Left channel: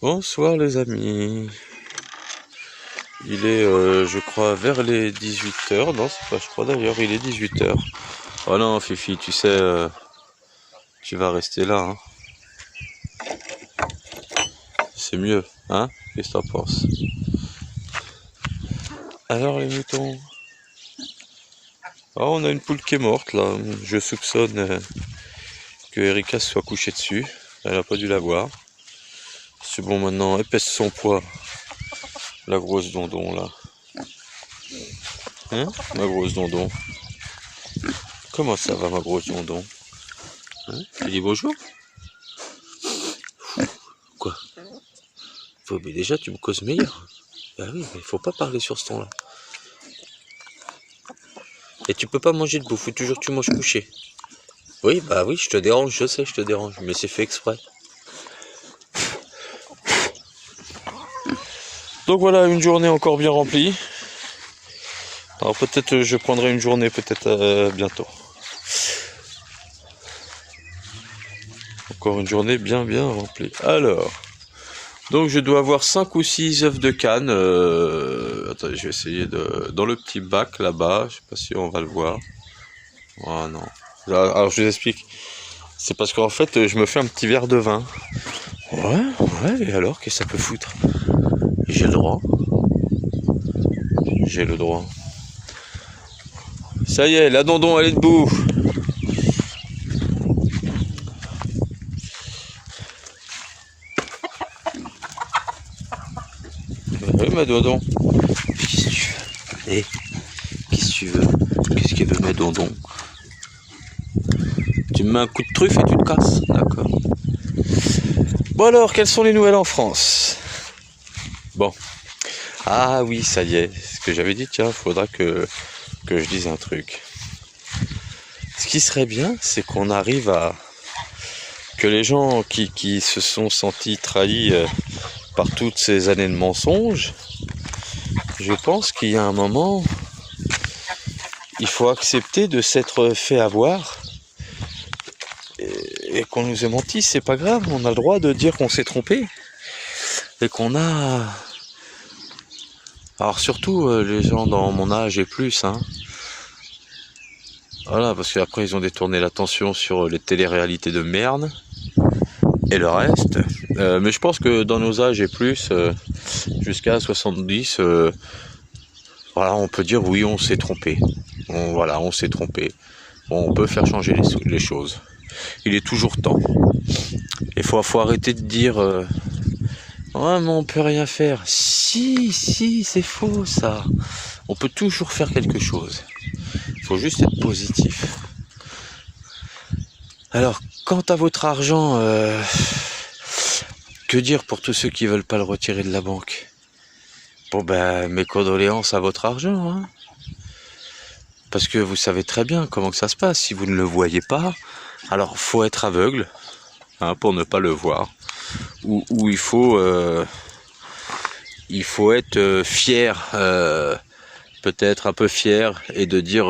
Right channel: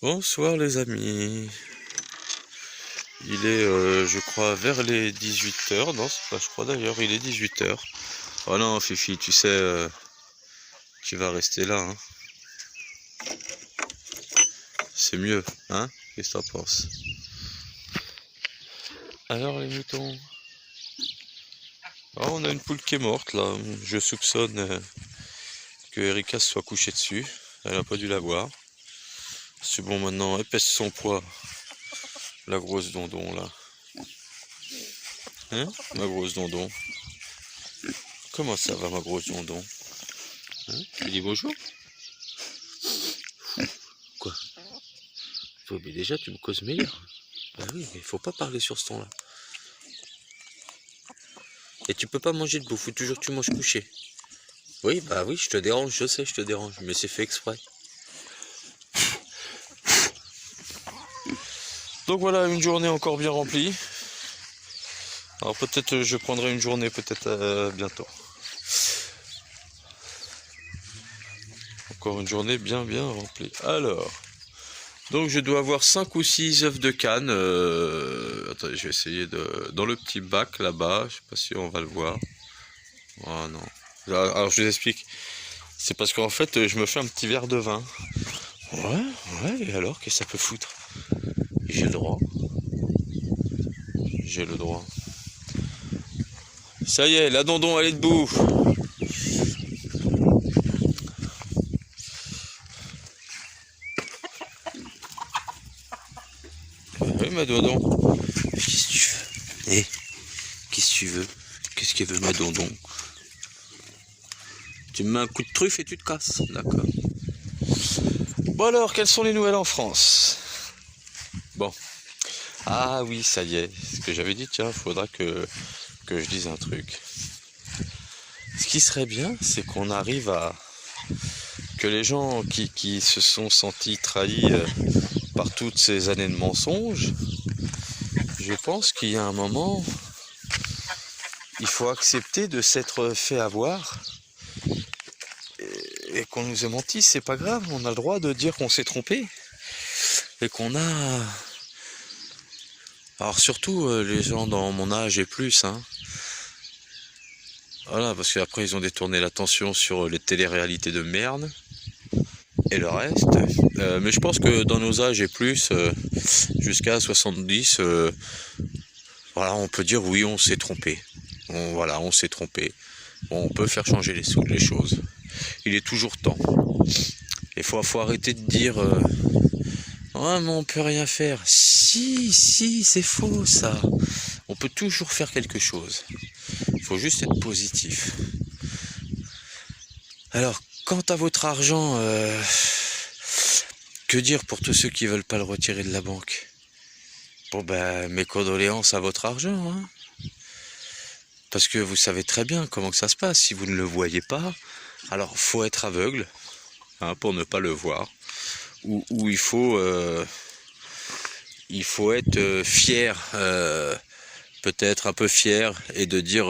Bonsoir les amis. Il est, je crois, vers les 18h. Non, c'est pas, je crois d'ailleurs, il est 18h. Oh non, Fifi, tu sais, tu vas rester là, hein. C'est mieux, hein? Qu'est-ce que t'en penses? Alors les moutons? Oh, on a une poule qui est morte là. Je soupçonne que Erika se soit couchée dessus. Elle a pas dû la voir. C'est bon, maintenant, elle pèse son poids. La grosse dondon là. Hein? Ma grosse dondon. Comment ça va, ma grosse dondon? Hein? Tu dis bonjour? Quoi? Mais déjà, tu me causes meilleur. Bah oui, mais il faut pas parler sur ce ton-là. Et tu peux pas manger debout, faut toujours que tu manges couché. Oui, bah oui, je te dérange, je sais, je te dérange, mais c'est fait exprès. Donc voilà, une journée encore bien remplie. Alors peut-être je prendrai une journée, peut-être bientôt. Encore une journée bien remplie. Alors, donc je dois avoir 5 ou 6 œufs de canne. Attendez, je vais essayer de... Dans le petit bac là-bas, je sais pas si on va le voir. Oh non. Alors je vous explique. C'est parce qu'en fait, je me fais un petit verre de vin. Ouais, et alors, qu'est-ce que ça peut foutre? J'ai le droit. J'ai le droit. Ça y est, la dondon, elle est debout. Oui, ma dondon. Qu'est-ce que tu veux? Eh, qu'est-ce que tu veux? Qu'est-ce qu'elle veut, ma dondon? Tu me mets un coup de truffe et tu te casses. D'accord. Bon alors, quelles sont les nouvelles en France? Bon. Ah oui, ça y est. Ce que j'avais dit, tiens, faudra que je dise un truc. Ce qui serait bien, c'est qu'on arrive à... que les gens qui se sont sentis trahis par toutes ces années de mensonges, je pense qu'il y a un moment, il faut accepter de s'être fait avoir et qu'on nous ait menti, c'est pas grave, on a le droit de dire qu'on s'est trompé et qu'on a... Alors surtout les gens dans mon âge et plus, hein. Voilà, parce qu'après ils ont détourné l'attention sur les téléréalités de merde et le reste. Mais je pense que dans nos âges et plus, jusqu'à 70, voilà, on peut dire oui, on s'est trompé. On s'est trompé. On peut faire changer les choses. Il est toujours temps. Il faut arrêter de dire ouais, mais on peut rien faire. Si, c'est faux ça. On peut toujours faire quelque chose. Il faut juste être positif. Alors, quant à votre argent, que dire pour tous ceux qui veulent pas le retirer de la banque? Bon ben, mes condoléances à votre argent, hein. Parce que vous savez très bien comment que ça se passe. Si vous ne le voyez pas, alors faut être aveugle, hein, pour ne pas le voir. Ou il faut être fier, peut-être un peu fier, et de dire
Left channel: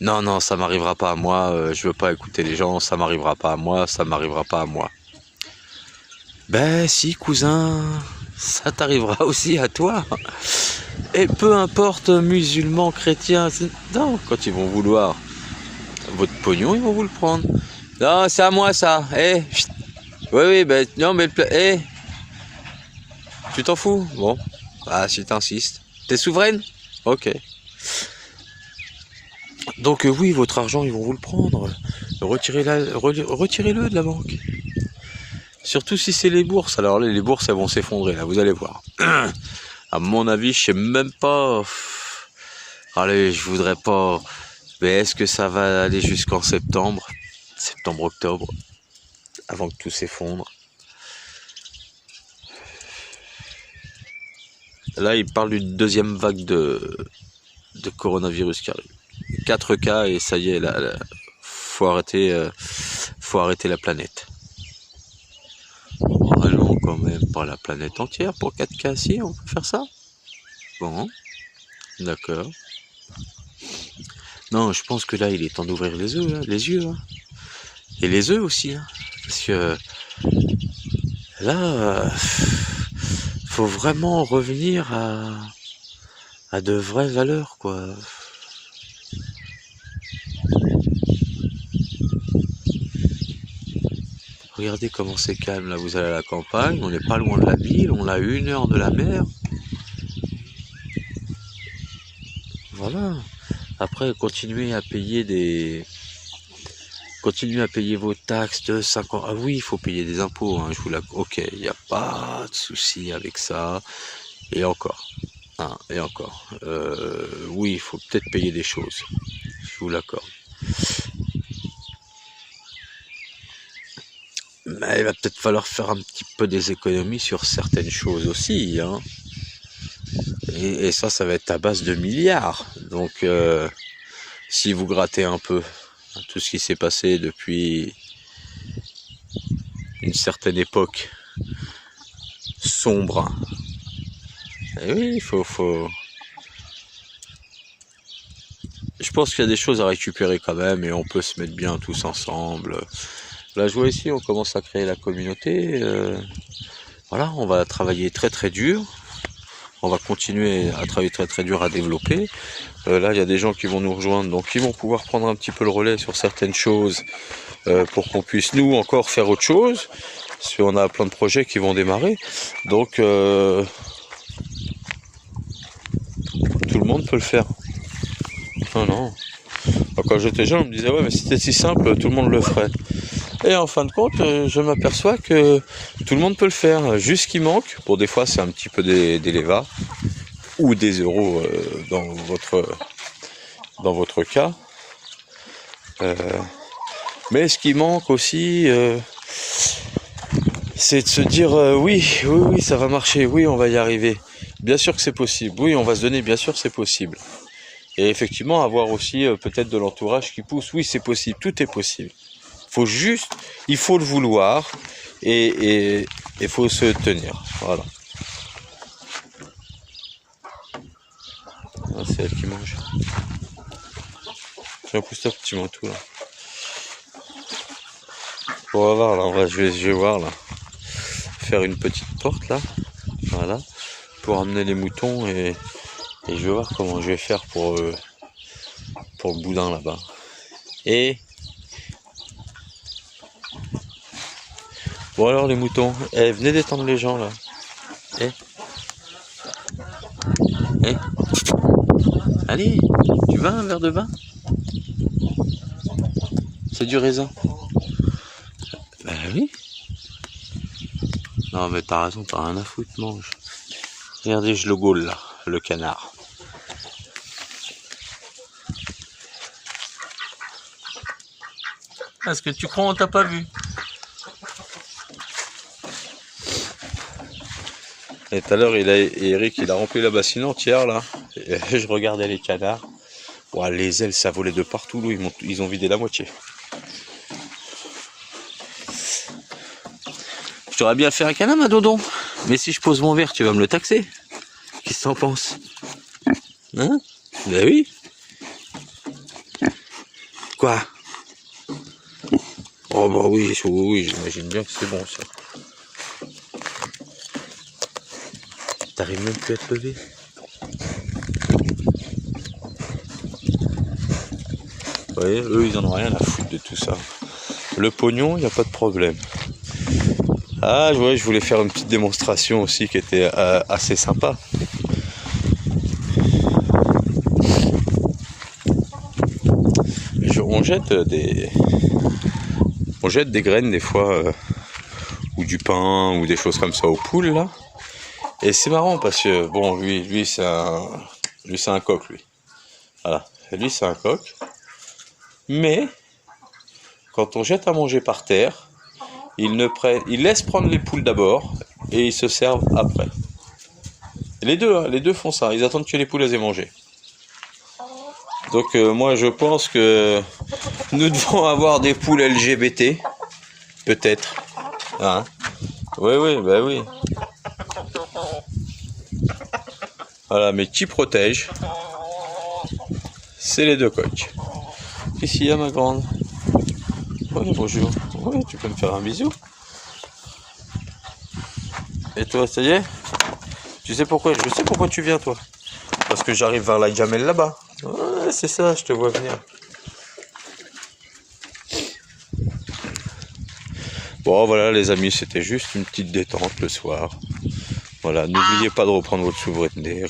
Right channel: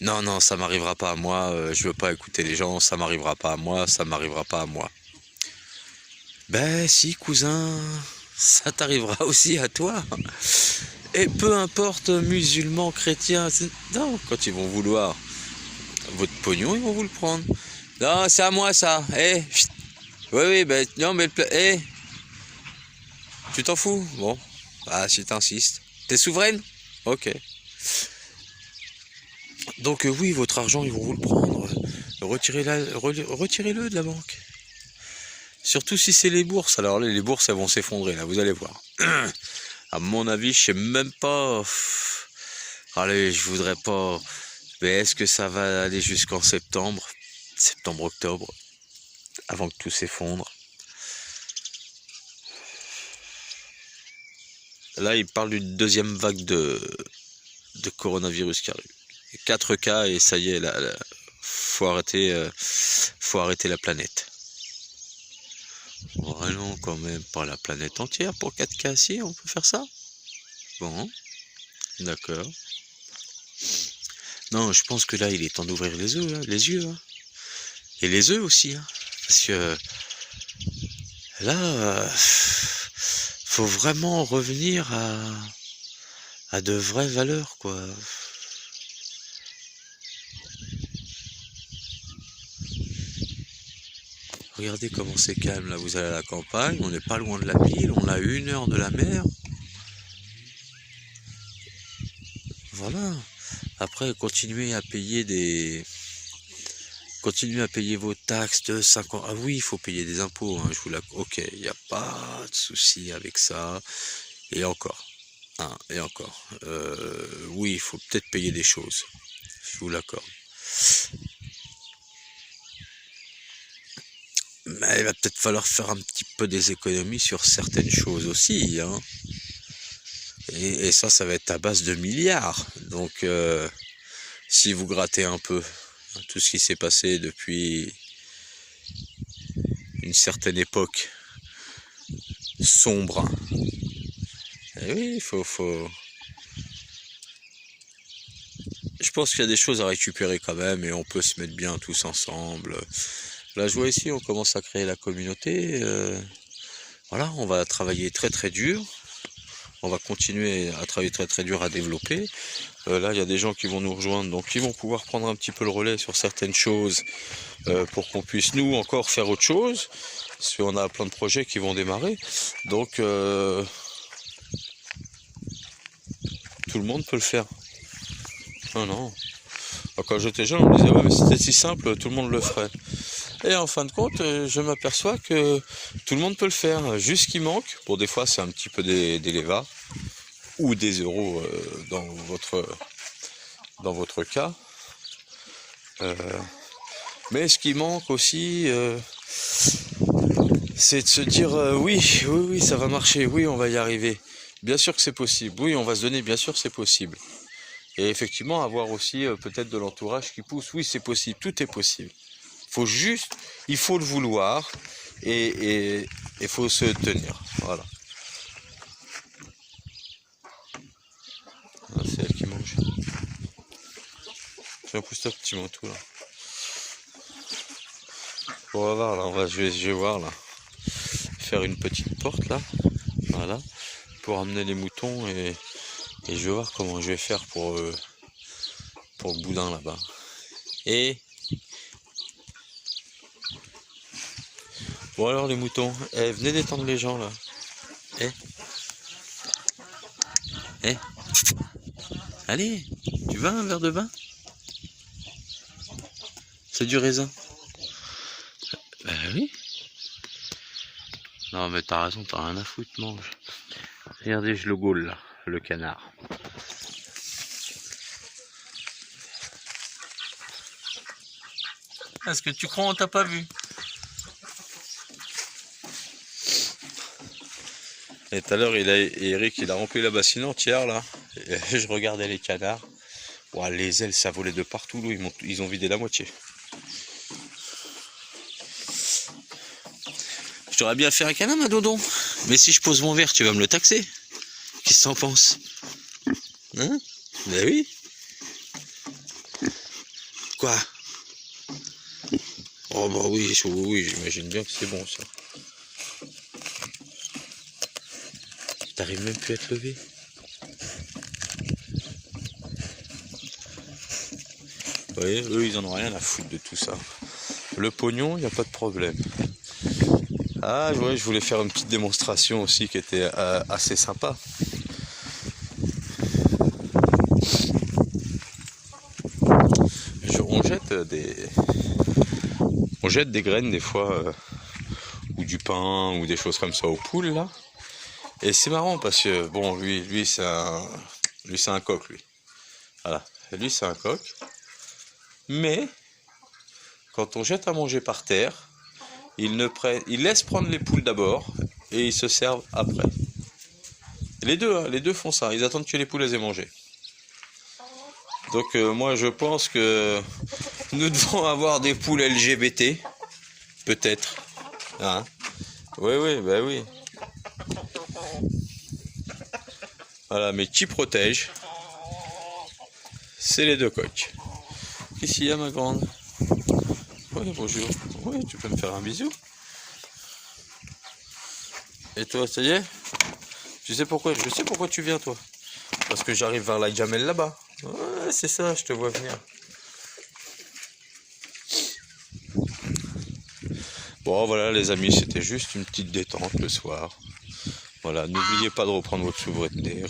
non, ça m'arrivera pas à moi, je veux pas écouter les gens, ça m'arrivera pas à moi, ça m'arrivera pas à moi. Ben si, cousin, ça t'arrivera aussi à toi. Et peu importe, musulmans, chrétiens, non, quand ils vont vouloir votre pognon, ils vont vous le prendre. Non, c'est à moi ça. Eh, oui, ben non, mais tu t'en fous? Bon, ah, si t'insistes. T'es souveraine? Ok. Donc oui, votre argent, ils vont vous le prendre. Retirez-le de la banque. Surtout si c'est les bourses. Alors les bourses, elles vont s'effondrer, là, vous allez voir. À mon avis, je sais même pas... Allez, je voudrais pas... Mais est-ce que ça va aller jusqu'en septembre? Septembre-octobre, avant que tout s'effondre. Là, il parle d'une deuxième vague de coronavirus qui arrive. 4 cas et ça y est, là, faut arrêter la planète. Allons quand même pas la planète entière pour 4 cas, si on peut faire ça? Bon, d'accord. Non, je pense que là, il est temps d'ouvrir les yeux, hein. Et les œufs aussi, hein. Parce que Là, faut vraiment revenir à de vraies valeurs, quoi. Regardez comment c'est calme, là, vous allez à la campagne, on n'est pas loin de la ville, on a 1 heure de la mer. Voilà. Après, continuez à payer vos taxes de 50. Ah oui, il faut payer des impôts, hein, ok, il n'y a pas de souci avec ça. Et encore. Hein, et encore. Oui, il faut peut-être payer des choses. Je vous l'accorde. Mais il va peut-être falloir faire un petit peu des économies sur certaines choses aussi, hein. Et ça va être à base de milliards. Donc, si vous grattez un peu tout ce qui s'est passé depuis une certaine époque sombre, et oui, il faut... Je pense qu'il y a des choses à récupérer quand même, et on peut se mettre bien tous ensemble. Là, je vois ici, on commence à créer la communauté. Voilà, on va travailler très très dur. On va continuer à travailler très très dur à développer. Là, il y a des gens qui vont nous rejoindre, donc ils vont pouvoir prendre un petit peu le relais sur certaines choses pour qu'on puisse, nous, encore faire autre chose. Parce qu'on a plein de projets qui vont démarrer. Donc, tout le monde peut le faire. Non, non. Quand j'étais jeune, on me disait, ouais, mais c'était si simple, tout le monde le ferait. Et en fin de compte, je m'aperçois que tout le monde peut le faire. Juste ce qui manque, pour des fois c'est un petit peu des levas ou des euros dans votre cas. Mais ce qui manque aussi, c'est de se dire oui, ça va marcher, oui, on va y arriver. Bien sûr que c'est possible, oui, on va se donner, bien sûr c'est possible. Et effectivement, avoir aussi peut-être de l'entourage qui pousse, oui, c'est possible, tout est possible. Il faut le vouloir et il faut se tenir. Voilà. Ah, c'est elle qui mange. J'ai un pousse petit manteau là. On va voir là, je vais voir là. Faire une petite porte là. Voilà. Pour amener les moutons et je vais voir comment je vais faire pour le boudin là-bas. Et bon alors les moutons, venez détendre les gens là. Allez, tu veux un verre de vin? C'est du raisin. Ben oui. Non mais t'as raison, t'as rien à foutre, mange. Regardez, je le gaule là, le canard. Est-ce que tu crois on t'a pas vu? Et tout à l'heure, Eric, il a rempli la bassine entière, là. Et je regardais les canards. Ouah, les ailes, ça volait de partout, là. Ils ont vidé la moitié. Je t'aurais bien fait un câlin, ma dodon. Mais si je pose mon verre, tu vas me le taxer. Qu'est-ce que t'en penses? Hein? Ben oui. Quoi? Oh bah oui, j'imagine bien que c'est bon, ça. T'arrives même plus à te lever. Ouais, eux ils en ont rien à foutre de tout ça. Le pognon, il n'y a pas de problème. Ah ouais, je voulais faire une petite démonstration aussi qui était assez sympa. On jette des graines des fois, ou du pain, ou des choses comme ça aux poules là. Et c'est marrant parce que bon, lui c'est un coq lui. Voilà, et lui c'est un coq. Mais quand on jette à manger par terre, il laisse prendre les poules d'abord et ils se servent après. Et les deux font ça. Ils attendent que les poules aient mangé. Donc moi je pense que nous devons avoir des poules LGBT, peut-être. Hein? Oui, bah oui. Voilà, mais qui protège, c'est les deux coqs. Qu'est-ce qu'il y a, ma grande? Oui, bonjour. Oui, tu peux me faire un bisou? Et toi, ça y est? Tu sais pourquoi? Je sais pourquoi tu viens, toi. Parce que j'arrive vers la gamelle là-bas. Ouais, c'est ça, je te vois venir. Bon, voilà, les amis, c'était juste une petite détente le soir. Voilà, n'oubliez pas de reprendre votre souveraineté.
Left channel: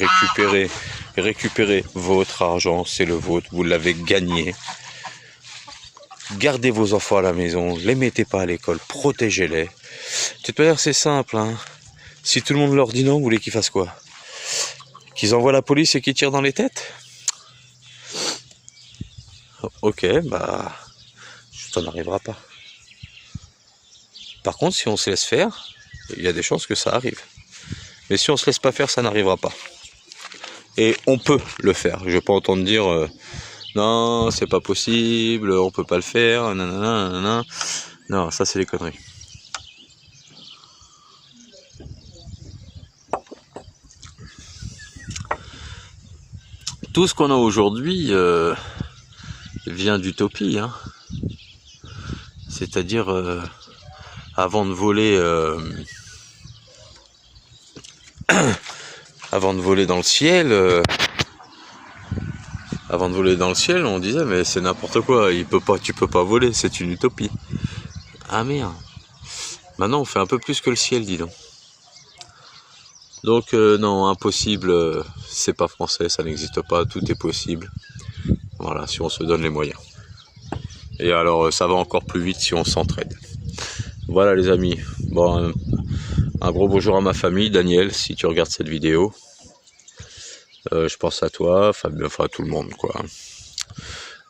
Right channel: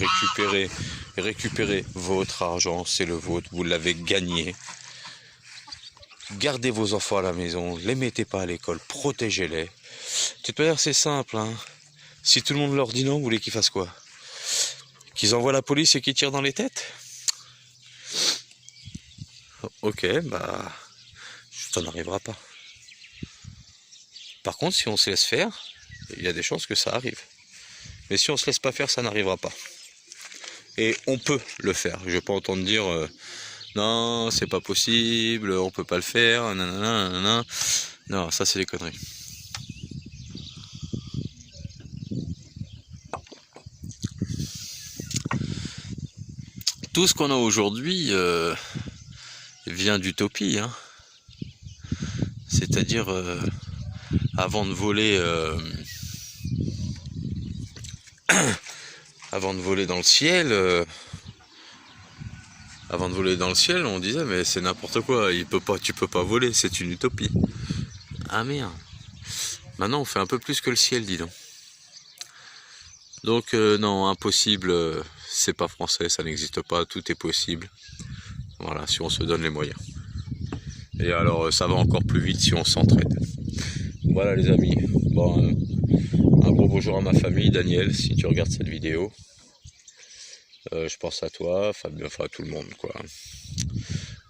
Récupérez votre argent, c'est le vôtre, vous l'avez gagné. Gardez vos enfants à la maison, les mettez pas à l'école, protégez-les. De toute manière, c'est simple, hein. Si tout le monde leur dit non, vous voulez qu'ils fassent quoi? Qu'ils envoient la police et qu'ils tirent dans les têtes? Ok, bah, ça n'arrivera pas. Par contre, si on se laisse faire, il y a des chances que ça arrive. Mais si on se laisse pas faire, ça n'arrivera pas. Et on peut le faire. Je vais pas entendre dire non, c'est pas possible, on peut pas le faire, nanana, nanana. Non, ça c'est des conneries. Tout ce qu'on a aujourd'hui vient d'utopie, hein. C'est-à-dire avant de voler dans le ciel, on disait mais c'est n'importe quoi, tu peux pas voler, c'est une utopie. Ah merde. Maintenant on fait un peu plus que le ciel, dis donc. Donc non, impossible, c'est pas français, ça n'existe pas, tout est possible. Voilà, si on se donne les moyens. Et alors ça va encore plus vite si on s'entraide. Voilà les amis, bon, un gros bonjour à ma famille, Daniel, si tu regardes cette vidéo. Je pense à toi, enfin à tout le monde quoi.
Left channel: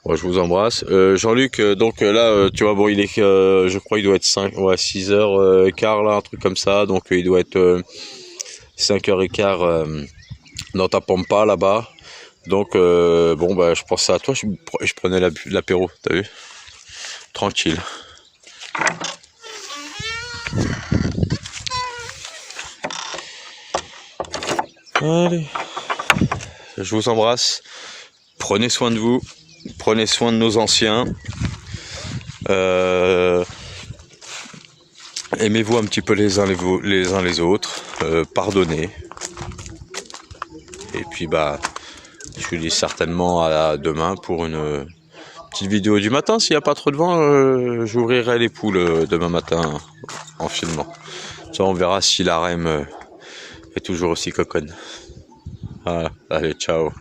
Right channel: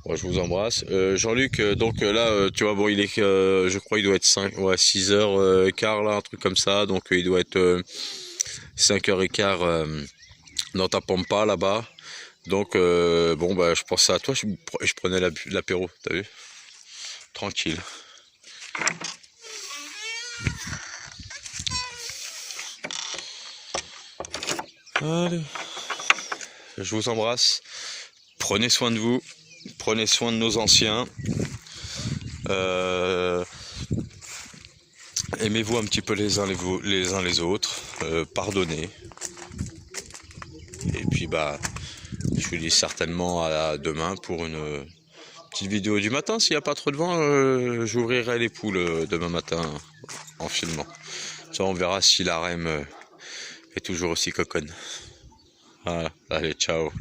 Bon, je vous embrasse. Jean-Luc, donc là, tu vois, bon, il est, je crois, il doit être 6h15 là, un truc comme ça. Donc il doit être 5h15 dans ta pampa là-bas. Donc bon, bah, je pensais à toi, je prenais l'apéro, t'as vu? Tranquille. Allez. Je vous embrasse. Prenez soin de vous. Prenez soin de nos anciens. Aimez-vous un petit peu les uns les autres. Pardonnez. Et puis bah, je vous dis certainement à demain pour une petite vidéo du matin. S'il n'y a pas trop de vent, j'ouvrirai les poules demain matin en filmant. Ça, on verra si la REM est toujours aussi coconne. Voilà. Allez, ciao.